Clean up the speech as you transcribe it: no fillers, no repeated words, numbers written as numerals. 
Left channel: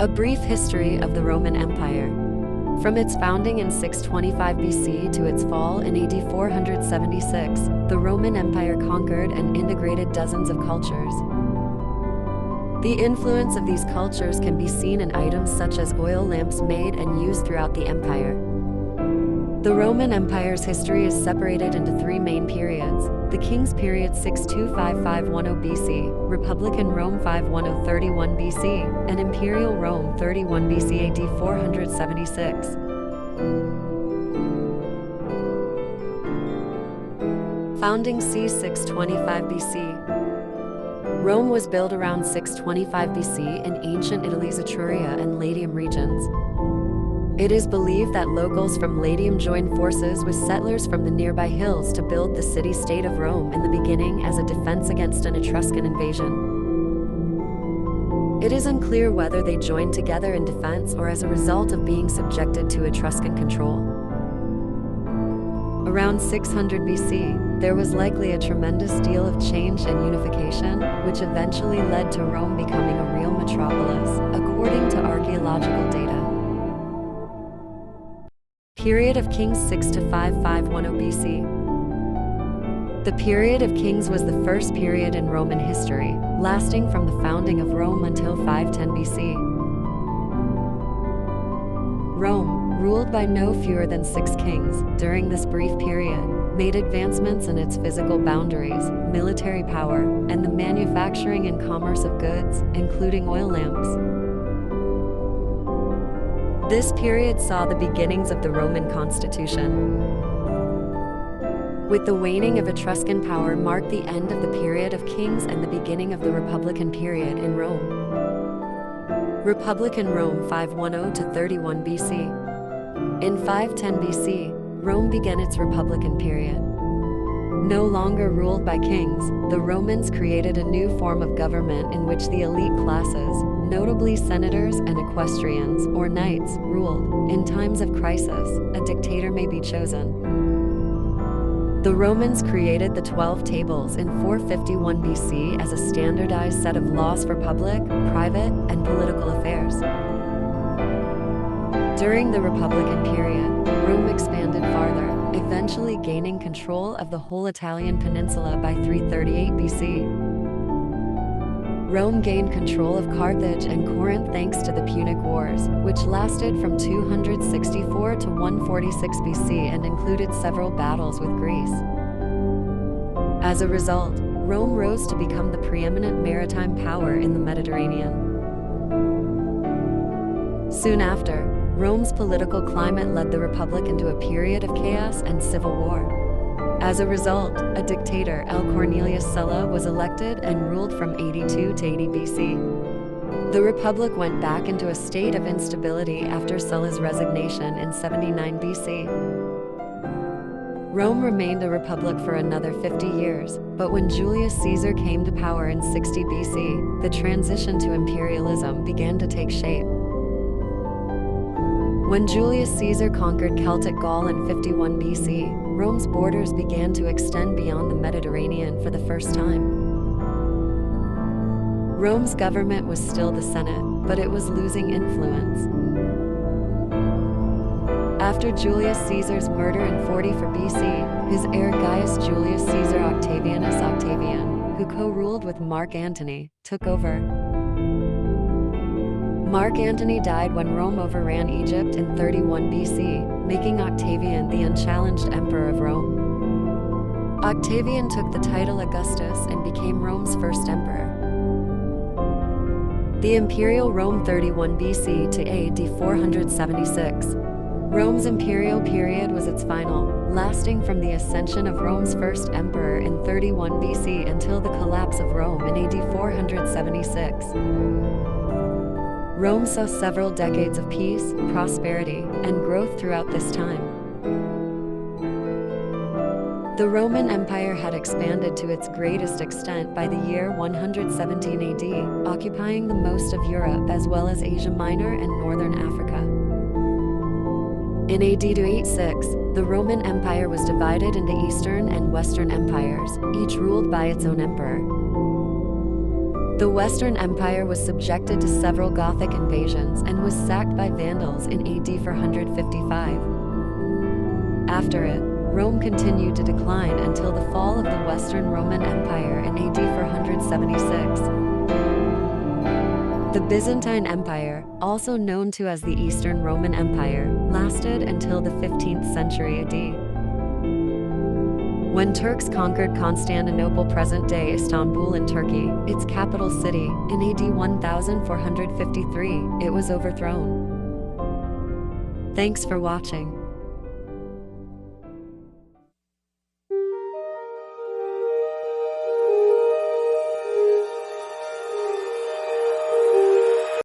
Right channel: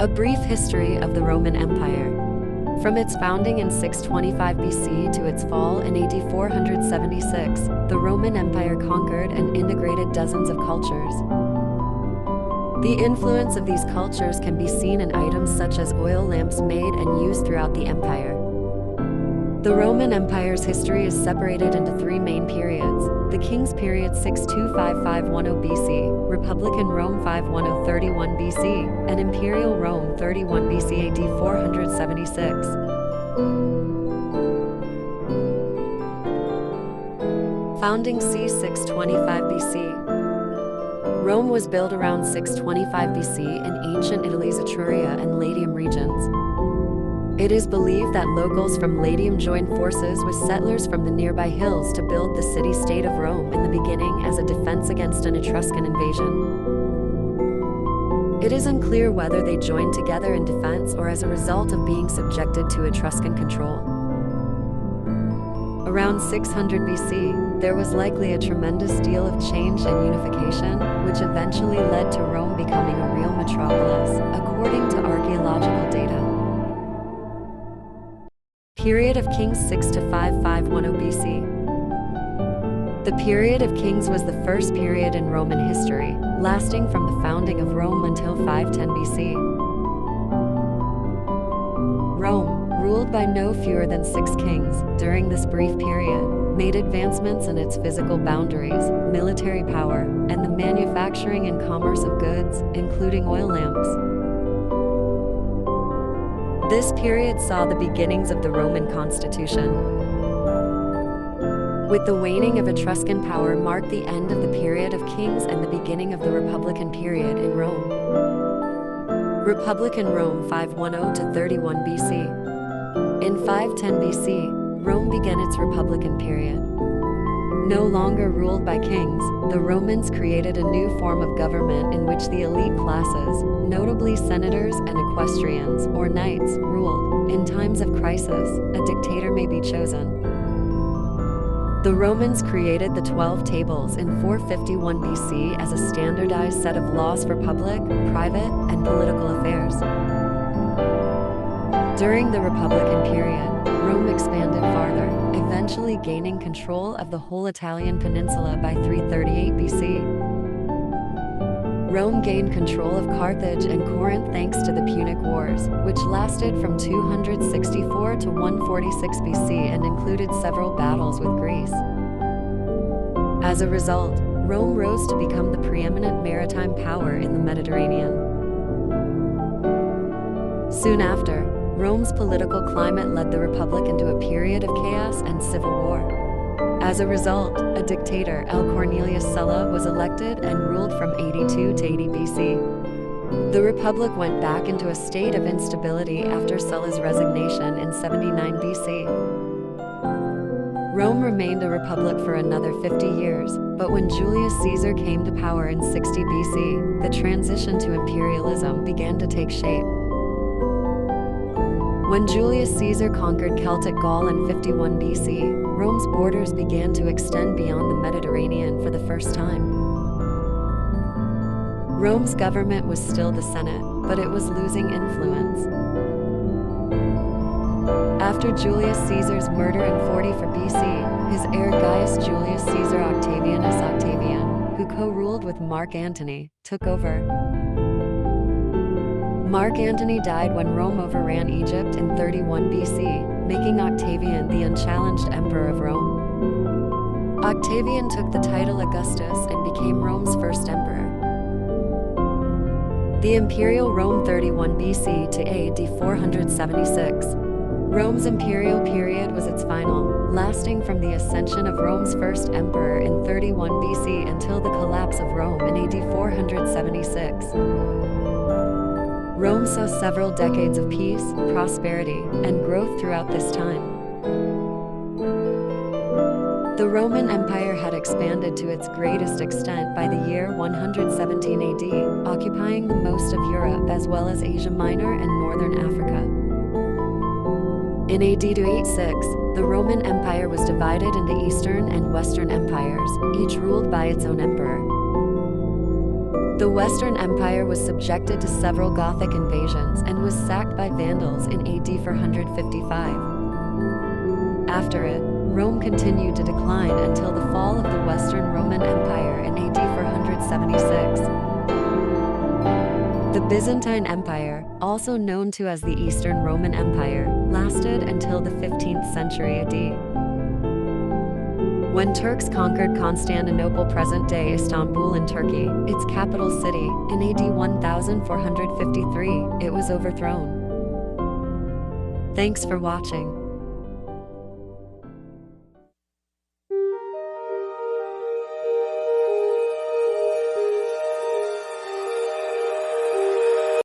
A brief history of the Roman Empire. From its founding in 625 BC to its fall in AD 476, the Roman Empire conquered and integrated dozens of cultures. The influence of these cultures can be seen in items such as oil lamps made and used throughout the empire. The Roman Empire's history is separated into three main periods: the King's Period 625–510 BC, Republican Rome 510–31 BC, and Imperial Rome 31 BC AD 476. Founding c. 625 BC. Rome was built around 625 BC in ancient Italy's Etruria and Latium regions. It is believed that locals from Latium joined forces with settlers from the nearby hills to build the city-state of Rome in the beginning as a defense against an Etruscan invasion. It is unclear whether they joined together in defense or as a result of being subjected to Etruscan control. Around 600 BC, there was likely a tremendous deal of change and unification, which eventually led to Rome becoming a real metropolis, according to archaeological data. Period of Kings 6–510 BC. The period of kings was the first period in Roman history, lasting from the founding of Rome until 510 BC. Rome, ruled by no fewer than 6 kings, during this brief period, made advancements in its physical boundaries, military power, and the manufacturing and commerce of goods, including oil lamps. This period saw the beginnings of the Roman constitution. With the waning of Etruscan power marked the end of the period of kings and the beginning of the Republican period in Rome. Republican Rome 510–31 BC. In 510 BC, Rome began its Republican period. No longer ruled by kings, the Romans created a new form of government in which the elite classes, notably senators and equestrians, or knights, ruled. In times of crisis, a dictator may be chosen. The Romans created the 12 Tables in 451 BC as a standardized set of laws for public, private, and political affairs. During the Republican period, Rome expanded farther, eventually gaining control of the whole Italian peninsula by 338 BC. Rome gained control of Carthage and Corinth thanks to the Punic Wars, which lasted from 264 to 146 BC and included several battles with Greece. As a result, Rome rose to become the preeminent maritime power in the Mediterranean. Soon after, Rome's political climate led the Republic into a period of chaos and civil war. As a result, a dictator, L. Cornelius Sulla, was elected and ruled from 82 to 80 BC. The Republic went back into a state of instability after Sulla's resignation in 79 BC. Rome remained a republic for another 50 years, but when Julius Caesar came to power in 60 BC, the transition to imperialism began to take shape. When Julius Caesar conquered Celtic Gaul in 51 BC, Rome's borders began to extend beyond the Mediterranean for the first time. Rome's government was still the Senate, but it was losing influence. After Julius Caesar's murder in 44 BC, his heir Gaius Julius Caesar Octavianus Octavian, who co-ruled with Mark Antony, took over. Mark Antony died when Rome overran Egypt in 31 BC, making Octavian the unchallenged emperor of Rome. Octavian took the title Augustus and became Rome's first emperor. The Imperial Rome 31 BC to AD 476. Rome's imperial period was its final, lasting from the ascension of Rome's first emperor in 31 BC until the collapse of Rome in AD 476. Rome saw several decades of peace, prosperity, and growth throughout this time. The Roman Empire had expanded to its greatest extent by the year 117 AD, occupying the most of Europe as well as Asia Minor and northern Africa. In AD 286, the Roman Empire was divided into Eastern and Western empires, each ruled by its own emperor. The Western Empire was subjected to several Gothic invasions and was sacked by Vandals in AD 455. After it, Rome continued to decline until the fall of the Western Roman Empire in AD 476. The Byzantine Empire, also known to as the Eastern Roman Empire, lasted until the 15th century AD. When Turks conquered Constantinople, present-day Istanbul in Turkey, its capital city, in AD 1453, it was overthrown. Thanks for watching.